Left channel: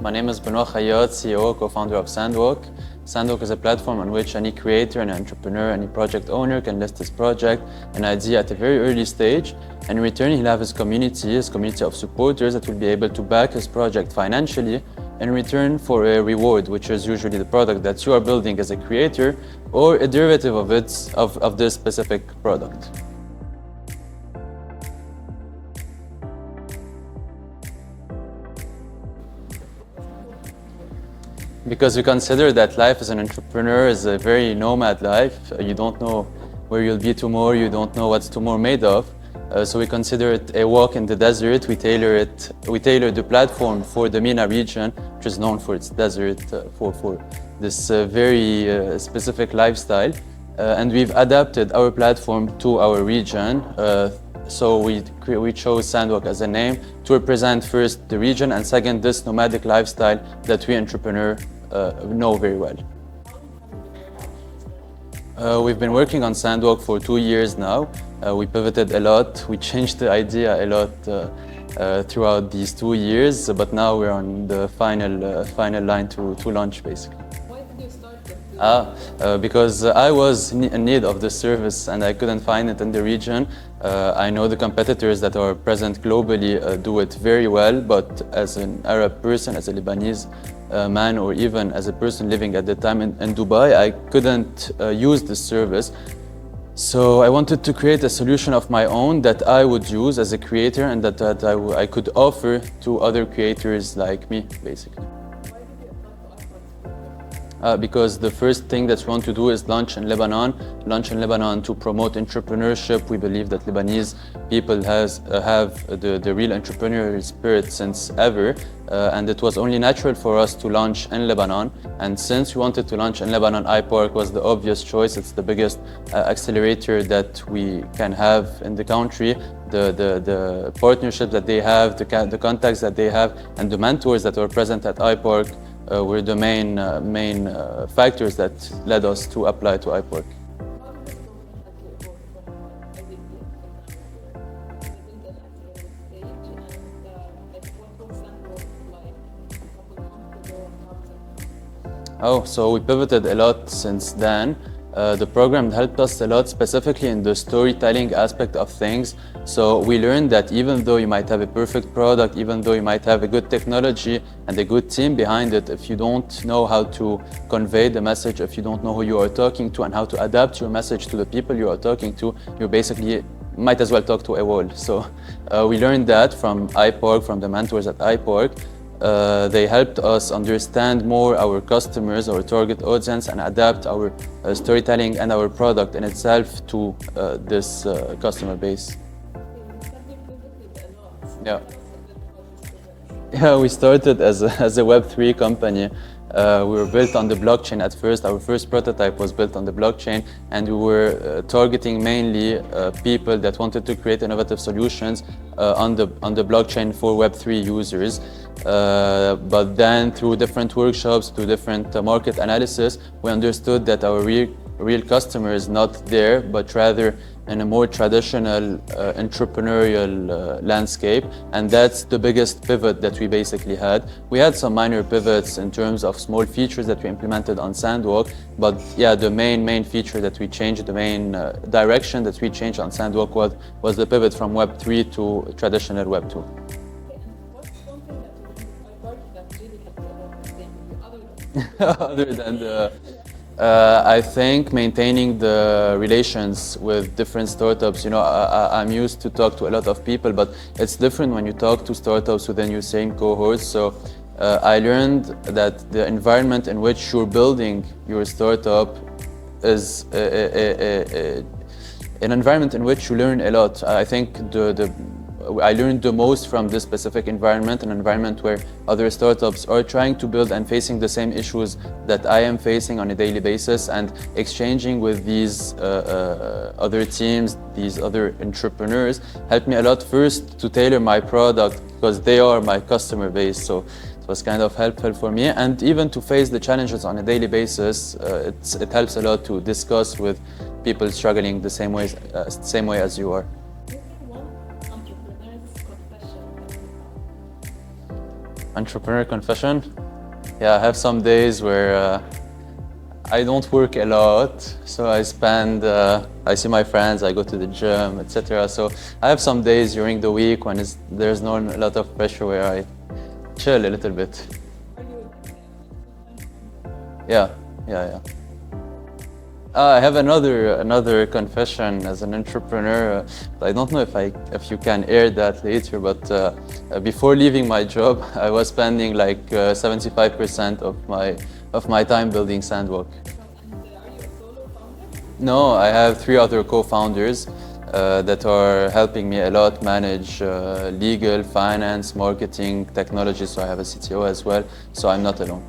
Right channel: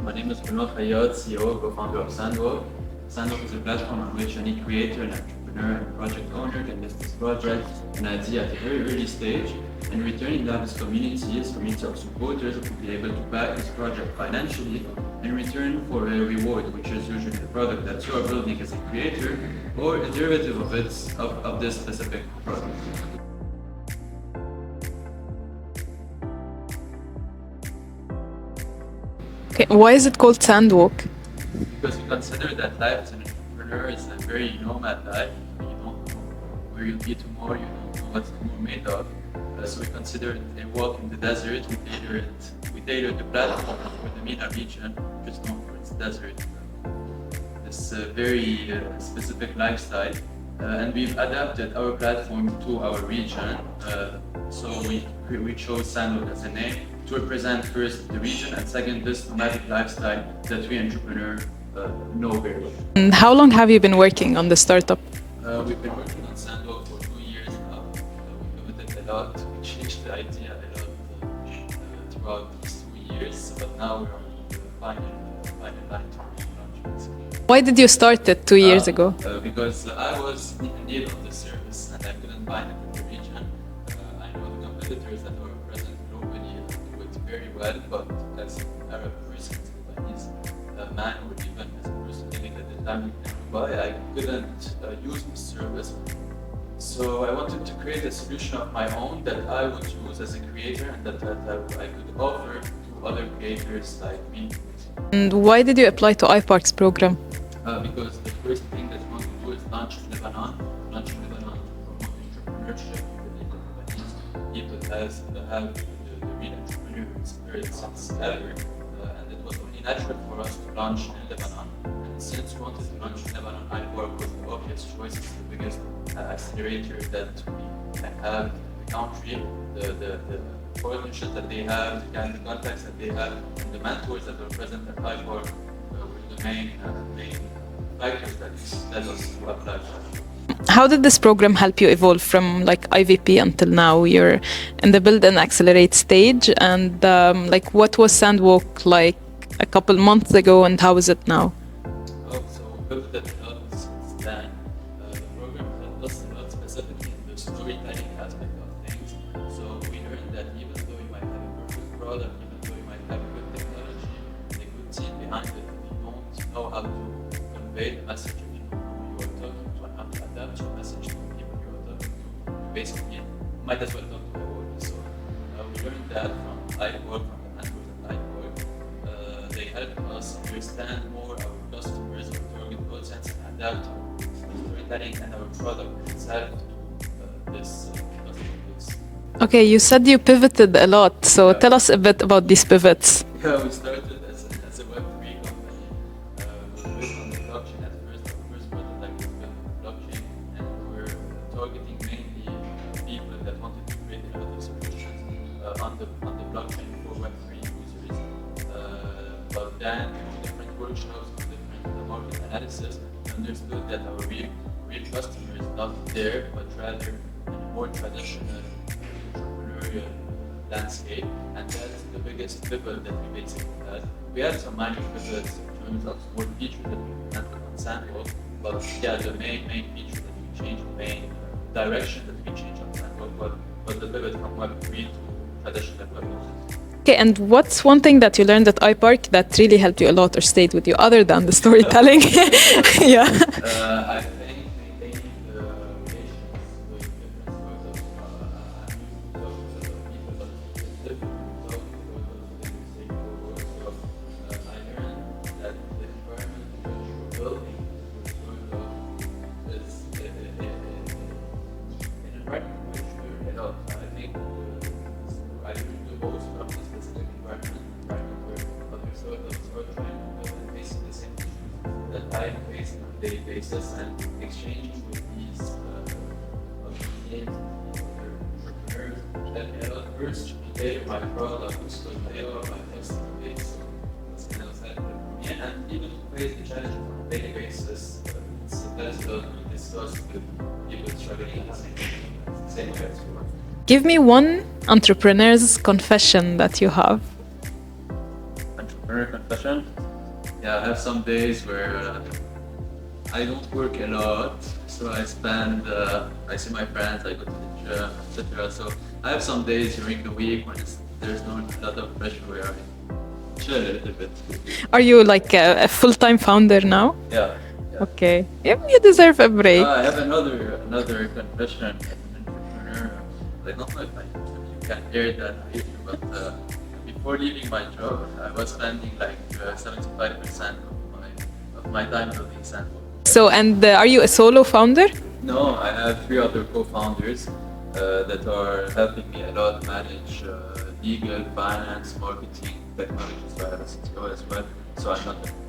My name is Benoit Khayat, CEO, co-founder of SandWalk. SandWalk is a platform on which any creator, any entrepreneur, any project owner can list his project, an idea at a very early stage. And in return, he'll have his community of supporters that will be able to back his project financially in return for a reward, which is usually the product that you are building as a creator or a derivative of this specific product. Okay, why is it called SandWalk? Because we consider that life as an entrepreneur is a very nomad life. You don't know where you'll be tomorrow, you don't know what's tomorrow made of. So we consider it a walk in the desert. We tailor the platform for the MENA region, which is known for its desert, for this very specific lifestyle. And we've adapted our platform to our region. So we chose SandWalk as a name to represent first the region and second this nomadic lifestyle that we entrepreneurs know very well. And how long have you been working on the startup? We've been working on SandWalk for 2 years now. We pivoted a lot. We changed the idea a lot throughout these 2 years, but now we're on the final line to launch, basically. Why did you start it 2 years ago? Because I was in need of the service and I couldn't find it in the region. I know the competitors that are present globally do it very well, but as an Arab person, as a Lebanese man, or even as a person living at the time in Dubai, I couldn't use this service. So I wanted to create a solution of my own that I would use as a creator and that I could offer to other creators like me, basically. And why did you apply to iPark's program? Because the first thing that we want to do is launch in Lebanon to promote entrepreneurship. We believe that Lebanese people have the real entrepreneurial spirit since ever, and it was only natural for us to launch in Lebanon. And since we wanted to launch in Lebanon, iPark was the obvious choice. It's the biggest accelerator that we can have in the country. The partnership that they have, the contacts that they have, and the mentors that were present at iPark were the main factors that led us to apply to iPark. How did this program help you evolve from IVP until now? You're in the build and accelerate stage, and what was SandWalk like a couple months ago, and how is it now? So we pivoted a lot since then. The program helped us a lot, specifically in the storytelling aspect of things. So we learned that even though you might have a perfect product, even though you might have a good technology and a good team behind it, if you don't know how to convey the message, if you don't know who you are talking to and how to adapt your message to the people you are talking to, you basically might as well talk to a wall. So we learned that from iPark, from the mentors at iPark. They helped us understand more our customers, our target audience, and adapt our storytelling and our product in itself to this customer base. Okay, you said you pivoted a lot, so Yeah. tell us a bit about these pivots. Yeah, we started as a Web3 company. We were built on the blockchain at first. Our first prototype was built on the blockchain, and we were targeting mainly people that wanted to create innovative solutions on the blockchain for Web3 users. But then through different workshops, through different market analysis, we understood that our real customer is not there, but rather in a more traditional entrepreneurial landscape, and that's the biggest pivot that we basically had. We had some minor pivots in terms of small features that we implemented on SandWalk, but yeah, the main feature that we changed, the main direction that we changed on SandWalk was the pivot from Web3 to traditional Web2. Okay, and what's one thing that you learned at iPark that really helped you a lot or stayed with you other than the storytelling? Yeah. I think maintaining the relations with different startups. You know, I'm used to talk to a lot of people, but it's different when you talk to startups within your same cohort. So I learned that the environment in which you're building your startup is an environment in which you learn a lot. I think I learned the most from this specific environment, an environment where other startups are trying to build and facing the same issues that I am facing on a daily basis, and exchanging with these other teams, these other entrepreneurs, helped me a lot first to tailor my product because they are my customer base. So it was kind of helpful for me, and even to face the challenges on a daily basis, it helps a lot to discuss with people struggling the same way as you are. Give me one entrepreneur's confession that you have. Entrepreneur confession. Yeah, I have some days where I don't work a lot, so I see my friends, I go to the gym, etc. So I have some days during the week when there's not a lot of pressure where I chill a little bit. Are you like a full-time founder now? Yeah, yeah. Okay. Yep, you deserve a break. I have another confession as an entrepreneur. I don't know if you can air that later, but before leaving my job, I was spending like 75% of my time building SandWalk. So, and are you a solo founder? No, I have 3 other co-founders that are helping me a lot manage legal, finance, marketing, technology. So I have a CTO as well. So I'm not alone.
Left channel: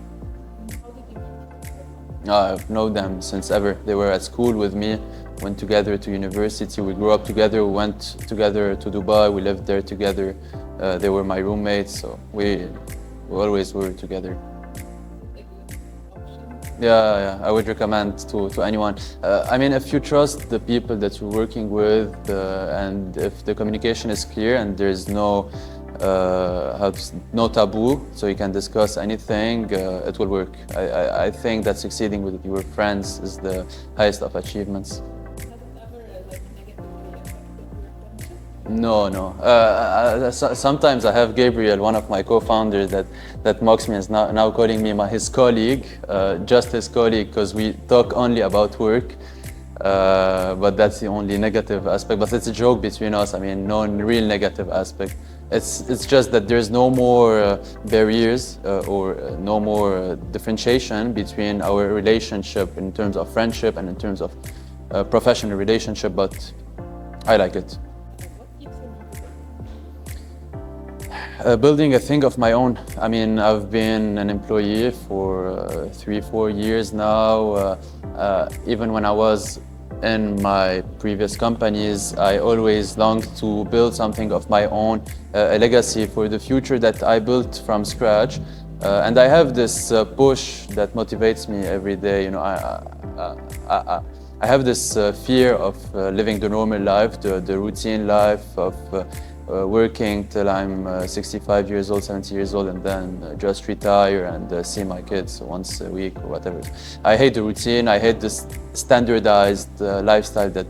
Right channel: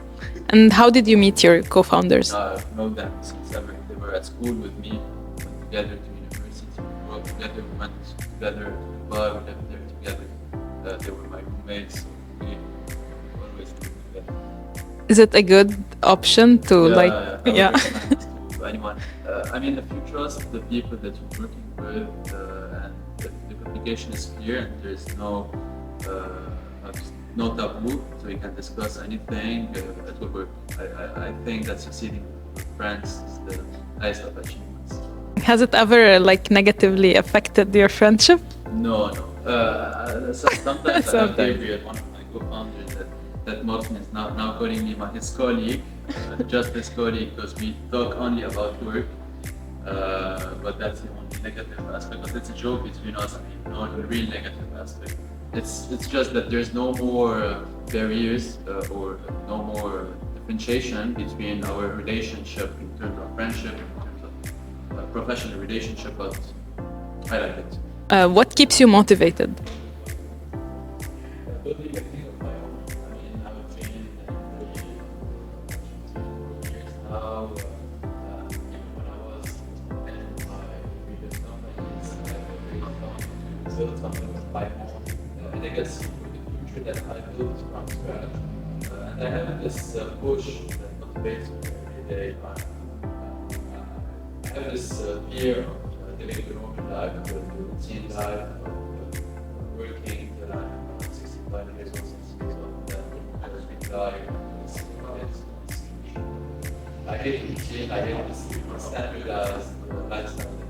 And how did you meet your co-founders? I've known them since ever. They were at school with me, went together to university. We grew up together, we went together to Dubai, we lived there together. They were my roommates, so we always were together. Is it a good option to Yeah, I would recommend to anyone. I mean, if you trust the people that you're working with and if the communication is clear and there's no no taboo, so you can discuss anything, it will work. I think that succeeding with your friends is the highest of achievements. Has it ever like negatively affected your friendship? No. Sometimes I have Gabriel, one of my co-founders, that mocks me, is now calling me his colleague, just his colleague, because we talk only about work. But that's the only negative aspect. But it's a joke between us. I mean, no real negative aspect. It's just that there's no more barriers or no more differentiation between our relationship in terms of friendship and in terms of professional relationship, but I like it. What keeps you motivated? Building a thing of my own. I mean, I've been an employee for 3-4 years now. Even when I was in my previous companies, I always longed to build something of my own, a legacy for the future that I built from scratch. And I have this push that motivates me every day. You know, I have this fear of living the normal life, the routine life of working till I'm 65 years old, 70 years old, and then just retire and see my kids once a week or whatever. I hate the routine. I hate this standardized lifestyle that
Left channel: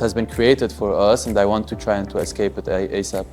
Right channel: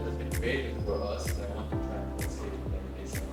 has been created for us, and I want to try and to escape it ASAP.